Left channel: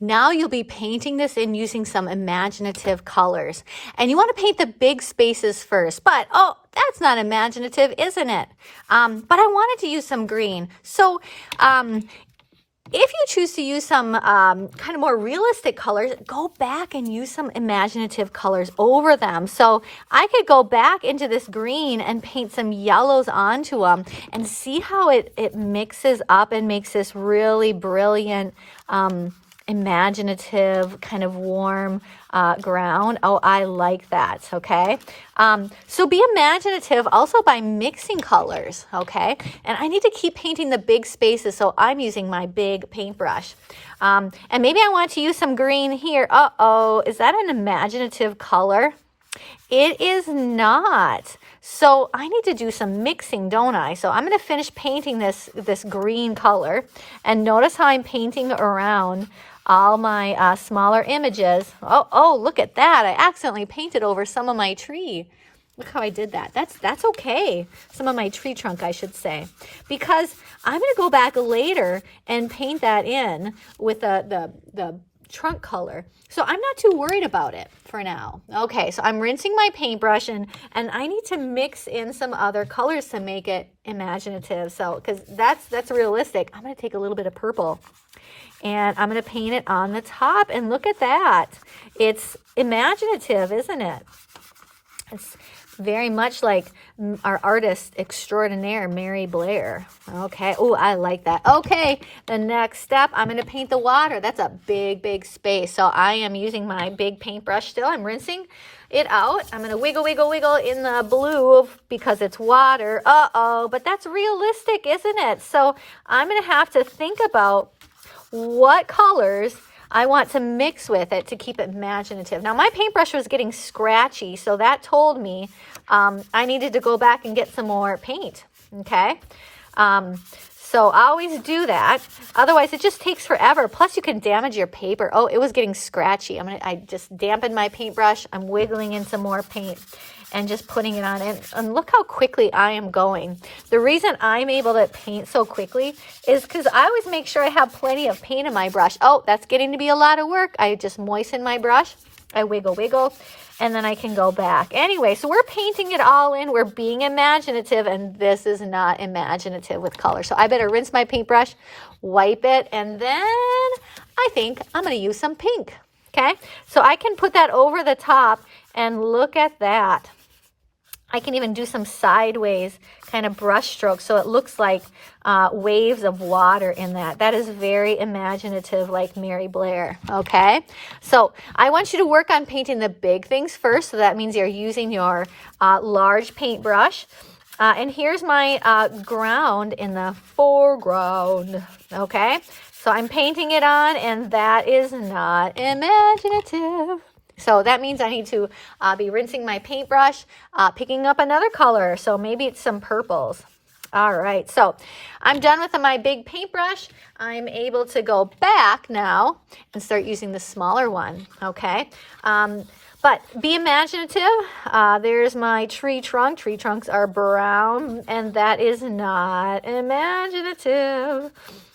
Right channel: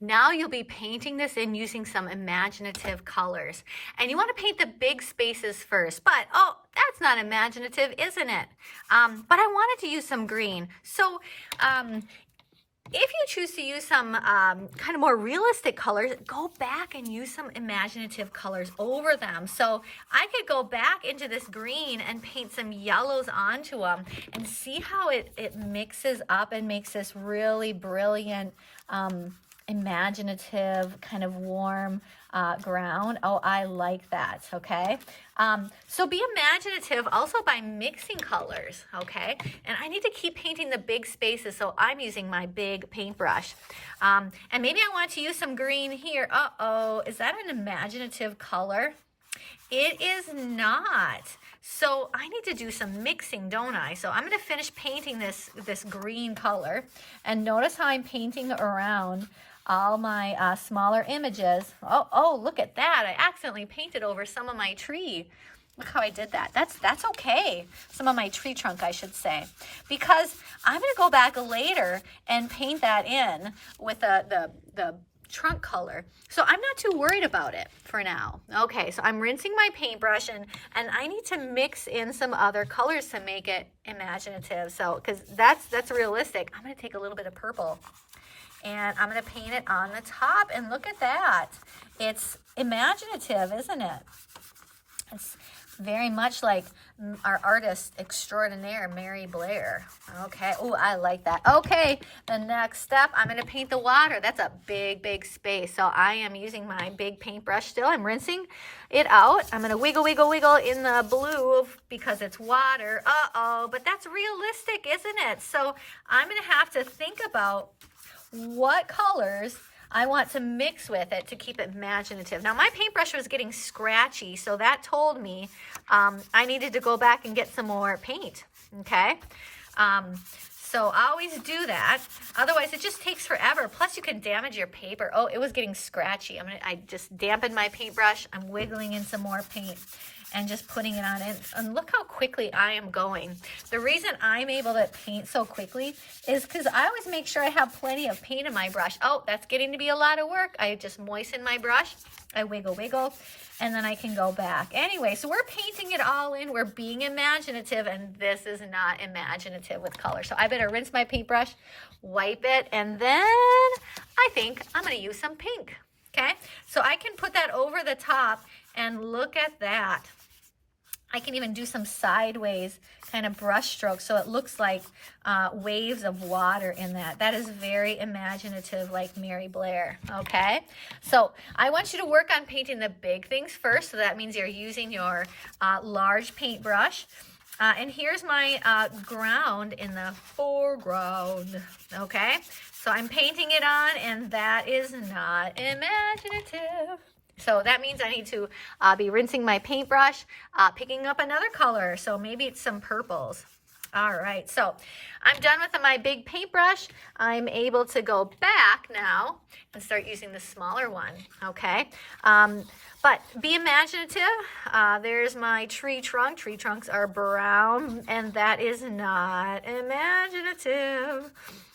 Now you'll be painting this in using some imaginative colors. And you want to paint the big spaces first, but oh, that's not imaginative, isn't it? But I wanted to use some green. So if you choose to use some kind of more realistic colors, go back and use some imaginative colors over them. So I could go back into this green and paint some yellows onto them and see how it mixes up and makes this really brilliant, imaginative, kind of warm ground. Oh, I like that, okay? So be imaginative also by mixing colors, okay? And I need to keep painting the big spaces, so I'm using my big paintbrush. And maybe I want to use some green here. Uh-oh, is that an imaginative color? It is not. So I need to do some mixing, don't I? So I'm going to finish painting this green color. And notice how I'm painting around all my smaller images. Oh, look at that. I accidentally painted over some of my tree. Look how I did that. That's okay. Some of my tree trunk, I should say. Because I'm going to go back later and paint that in with the trunk color. So I'm not too worried about it for now. Okay, so I'm rinsing my paintbrush and I need to mix in some other colors to make it imaginative. So, because that's realistic. I'm going to take a little bit of purple and I'm going to paint it on the top, and look at that. It's imaginative, isn't it? It's very much like our artist extraordinaire, Mary Blair. Okay. Oh, I like that. Okay. The next step, I'm going to paint the water. That's a big, big space. So I am using my big paintbrush still. I'm rinsing it out. I'm going to wiggle, wiggle, wiggle in the blue because it's water. Uh-oh. But that's realistic, isn't it? So I'm going to have to think about what colors I want to mix with it to keep it imaginative. Now, my paintbrush was getting scratchy, so that told me I needed to go back and get some more paint, okay? So I always do that. Otherwise, it just takes forever. Plus, you can damage your paper. Oh, it was getting scratchy. I just dampened my paintbrush. I'm wiggling in some more paint and just putting it on. And look how quickly I am going. The reason I'm able to paint so quickly is because I always make sure I have plenty of paint in my brush. Oh, that's getting to be a lot of work. I just moisten my brush. I wiggle, wiggle, and then I can go back. Anyway, so we're painting it all in. We're being imaginative, and this is not imaginative with color. So I better rinse my paintbrush, wipe it, and then I think I'm going to use some pink. Okay, so I can put that over the top, and look at that. I can even do some sideways kind of brush strokes so it looks like waves of water in that. That is very imaginative, like Mary Blair, okay? So I want you to work on painting the big things first, so that means you're using your large paintbrush. And here's my ground in the foreground, okay? So I'm painting it on, and that is not imaginative. So that means I need to be rinsing my paintbrush, picking up another color. So maybe it's some purples. All right, so I'm done with my big paintbrush. I'm able to go back now and start using the smaller one, okay? But be imaginative. There's my tree trunk. Tree trunks are brown, and that is not imaginative.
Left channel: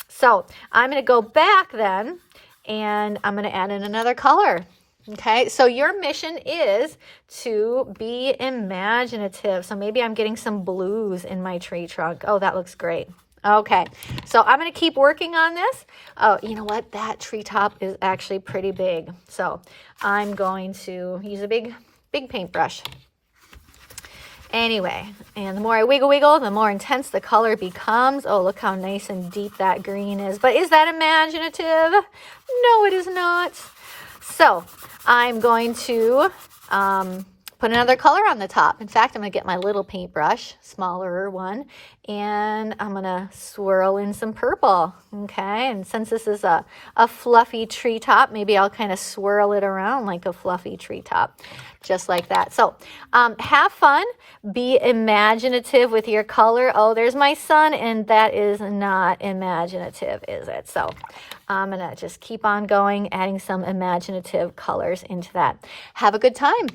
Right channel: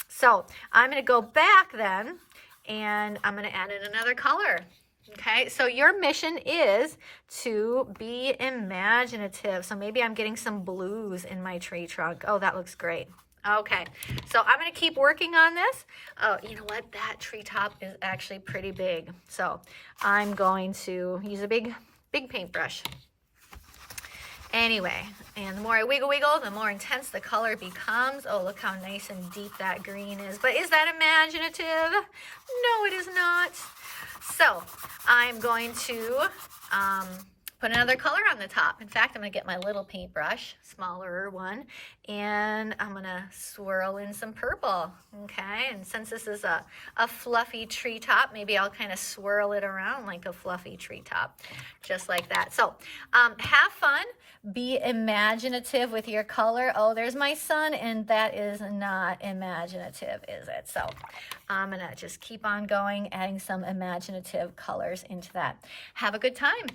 So I'm going to go back then, and I'm going to add in another color. Okay, so your mission is to be imaginative. So maybe I'm getting some blues in my tree trunk. Oh, that looks great. Okay, so I'm going to keep working on this. Oh, you know what? That treetop is actually pretty big. So I'm going to use a big paintbrush. Anyway, and the more I wiggle, wiggle, the more intense the color becomes. Oh, look how nice and deep that green is. But is that imaginative? No, it is not. So I'm going to put another color on the top. In fact, I'm going to get my little paintbrush, smaller one, and I'm going to swirl in some purple, okay? And since this is a fluffy treetop, maybe I'll kind of swirl it around like a fluffy treetop, just like that. So have fun. Be imaginative with your color. Oh, there's my sun, and that is not imaginative, is it? So I'm going to just keep on going, adding some imaginative colors into that. Have a good time.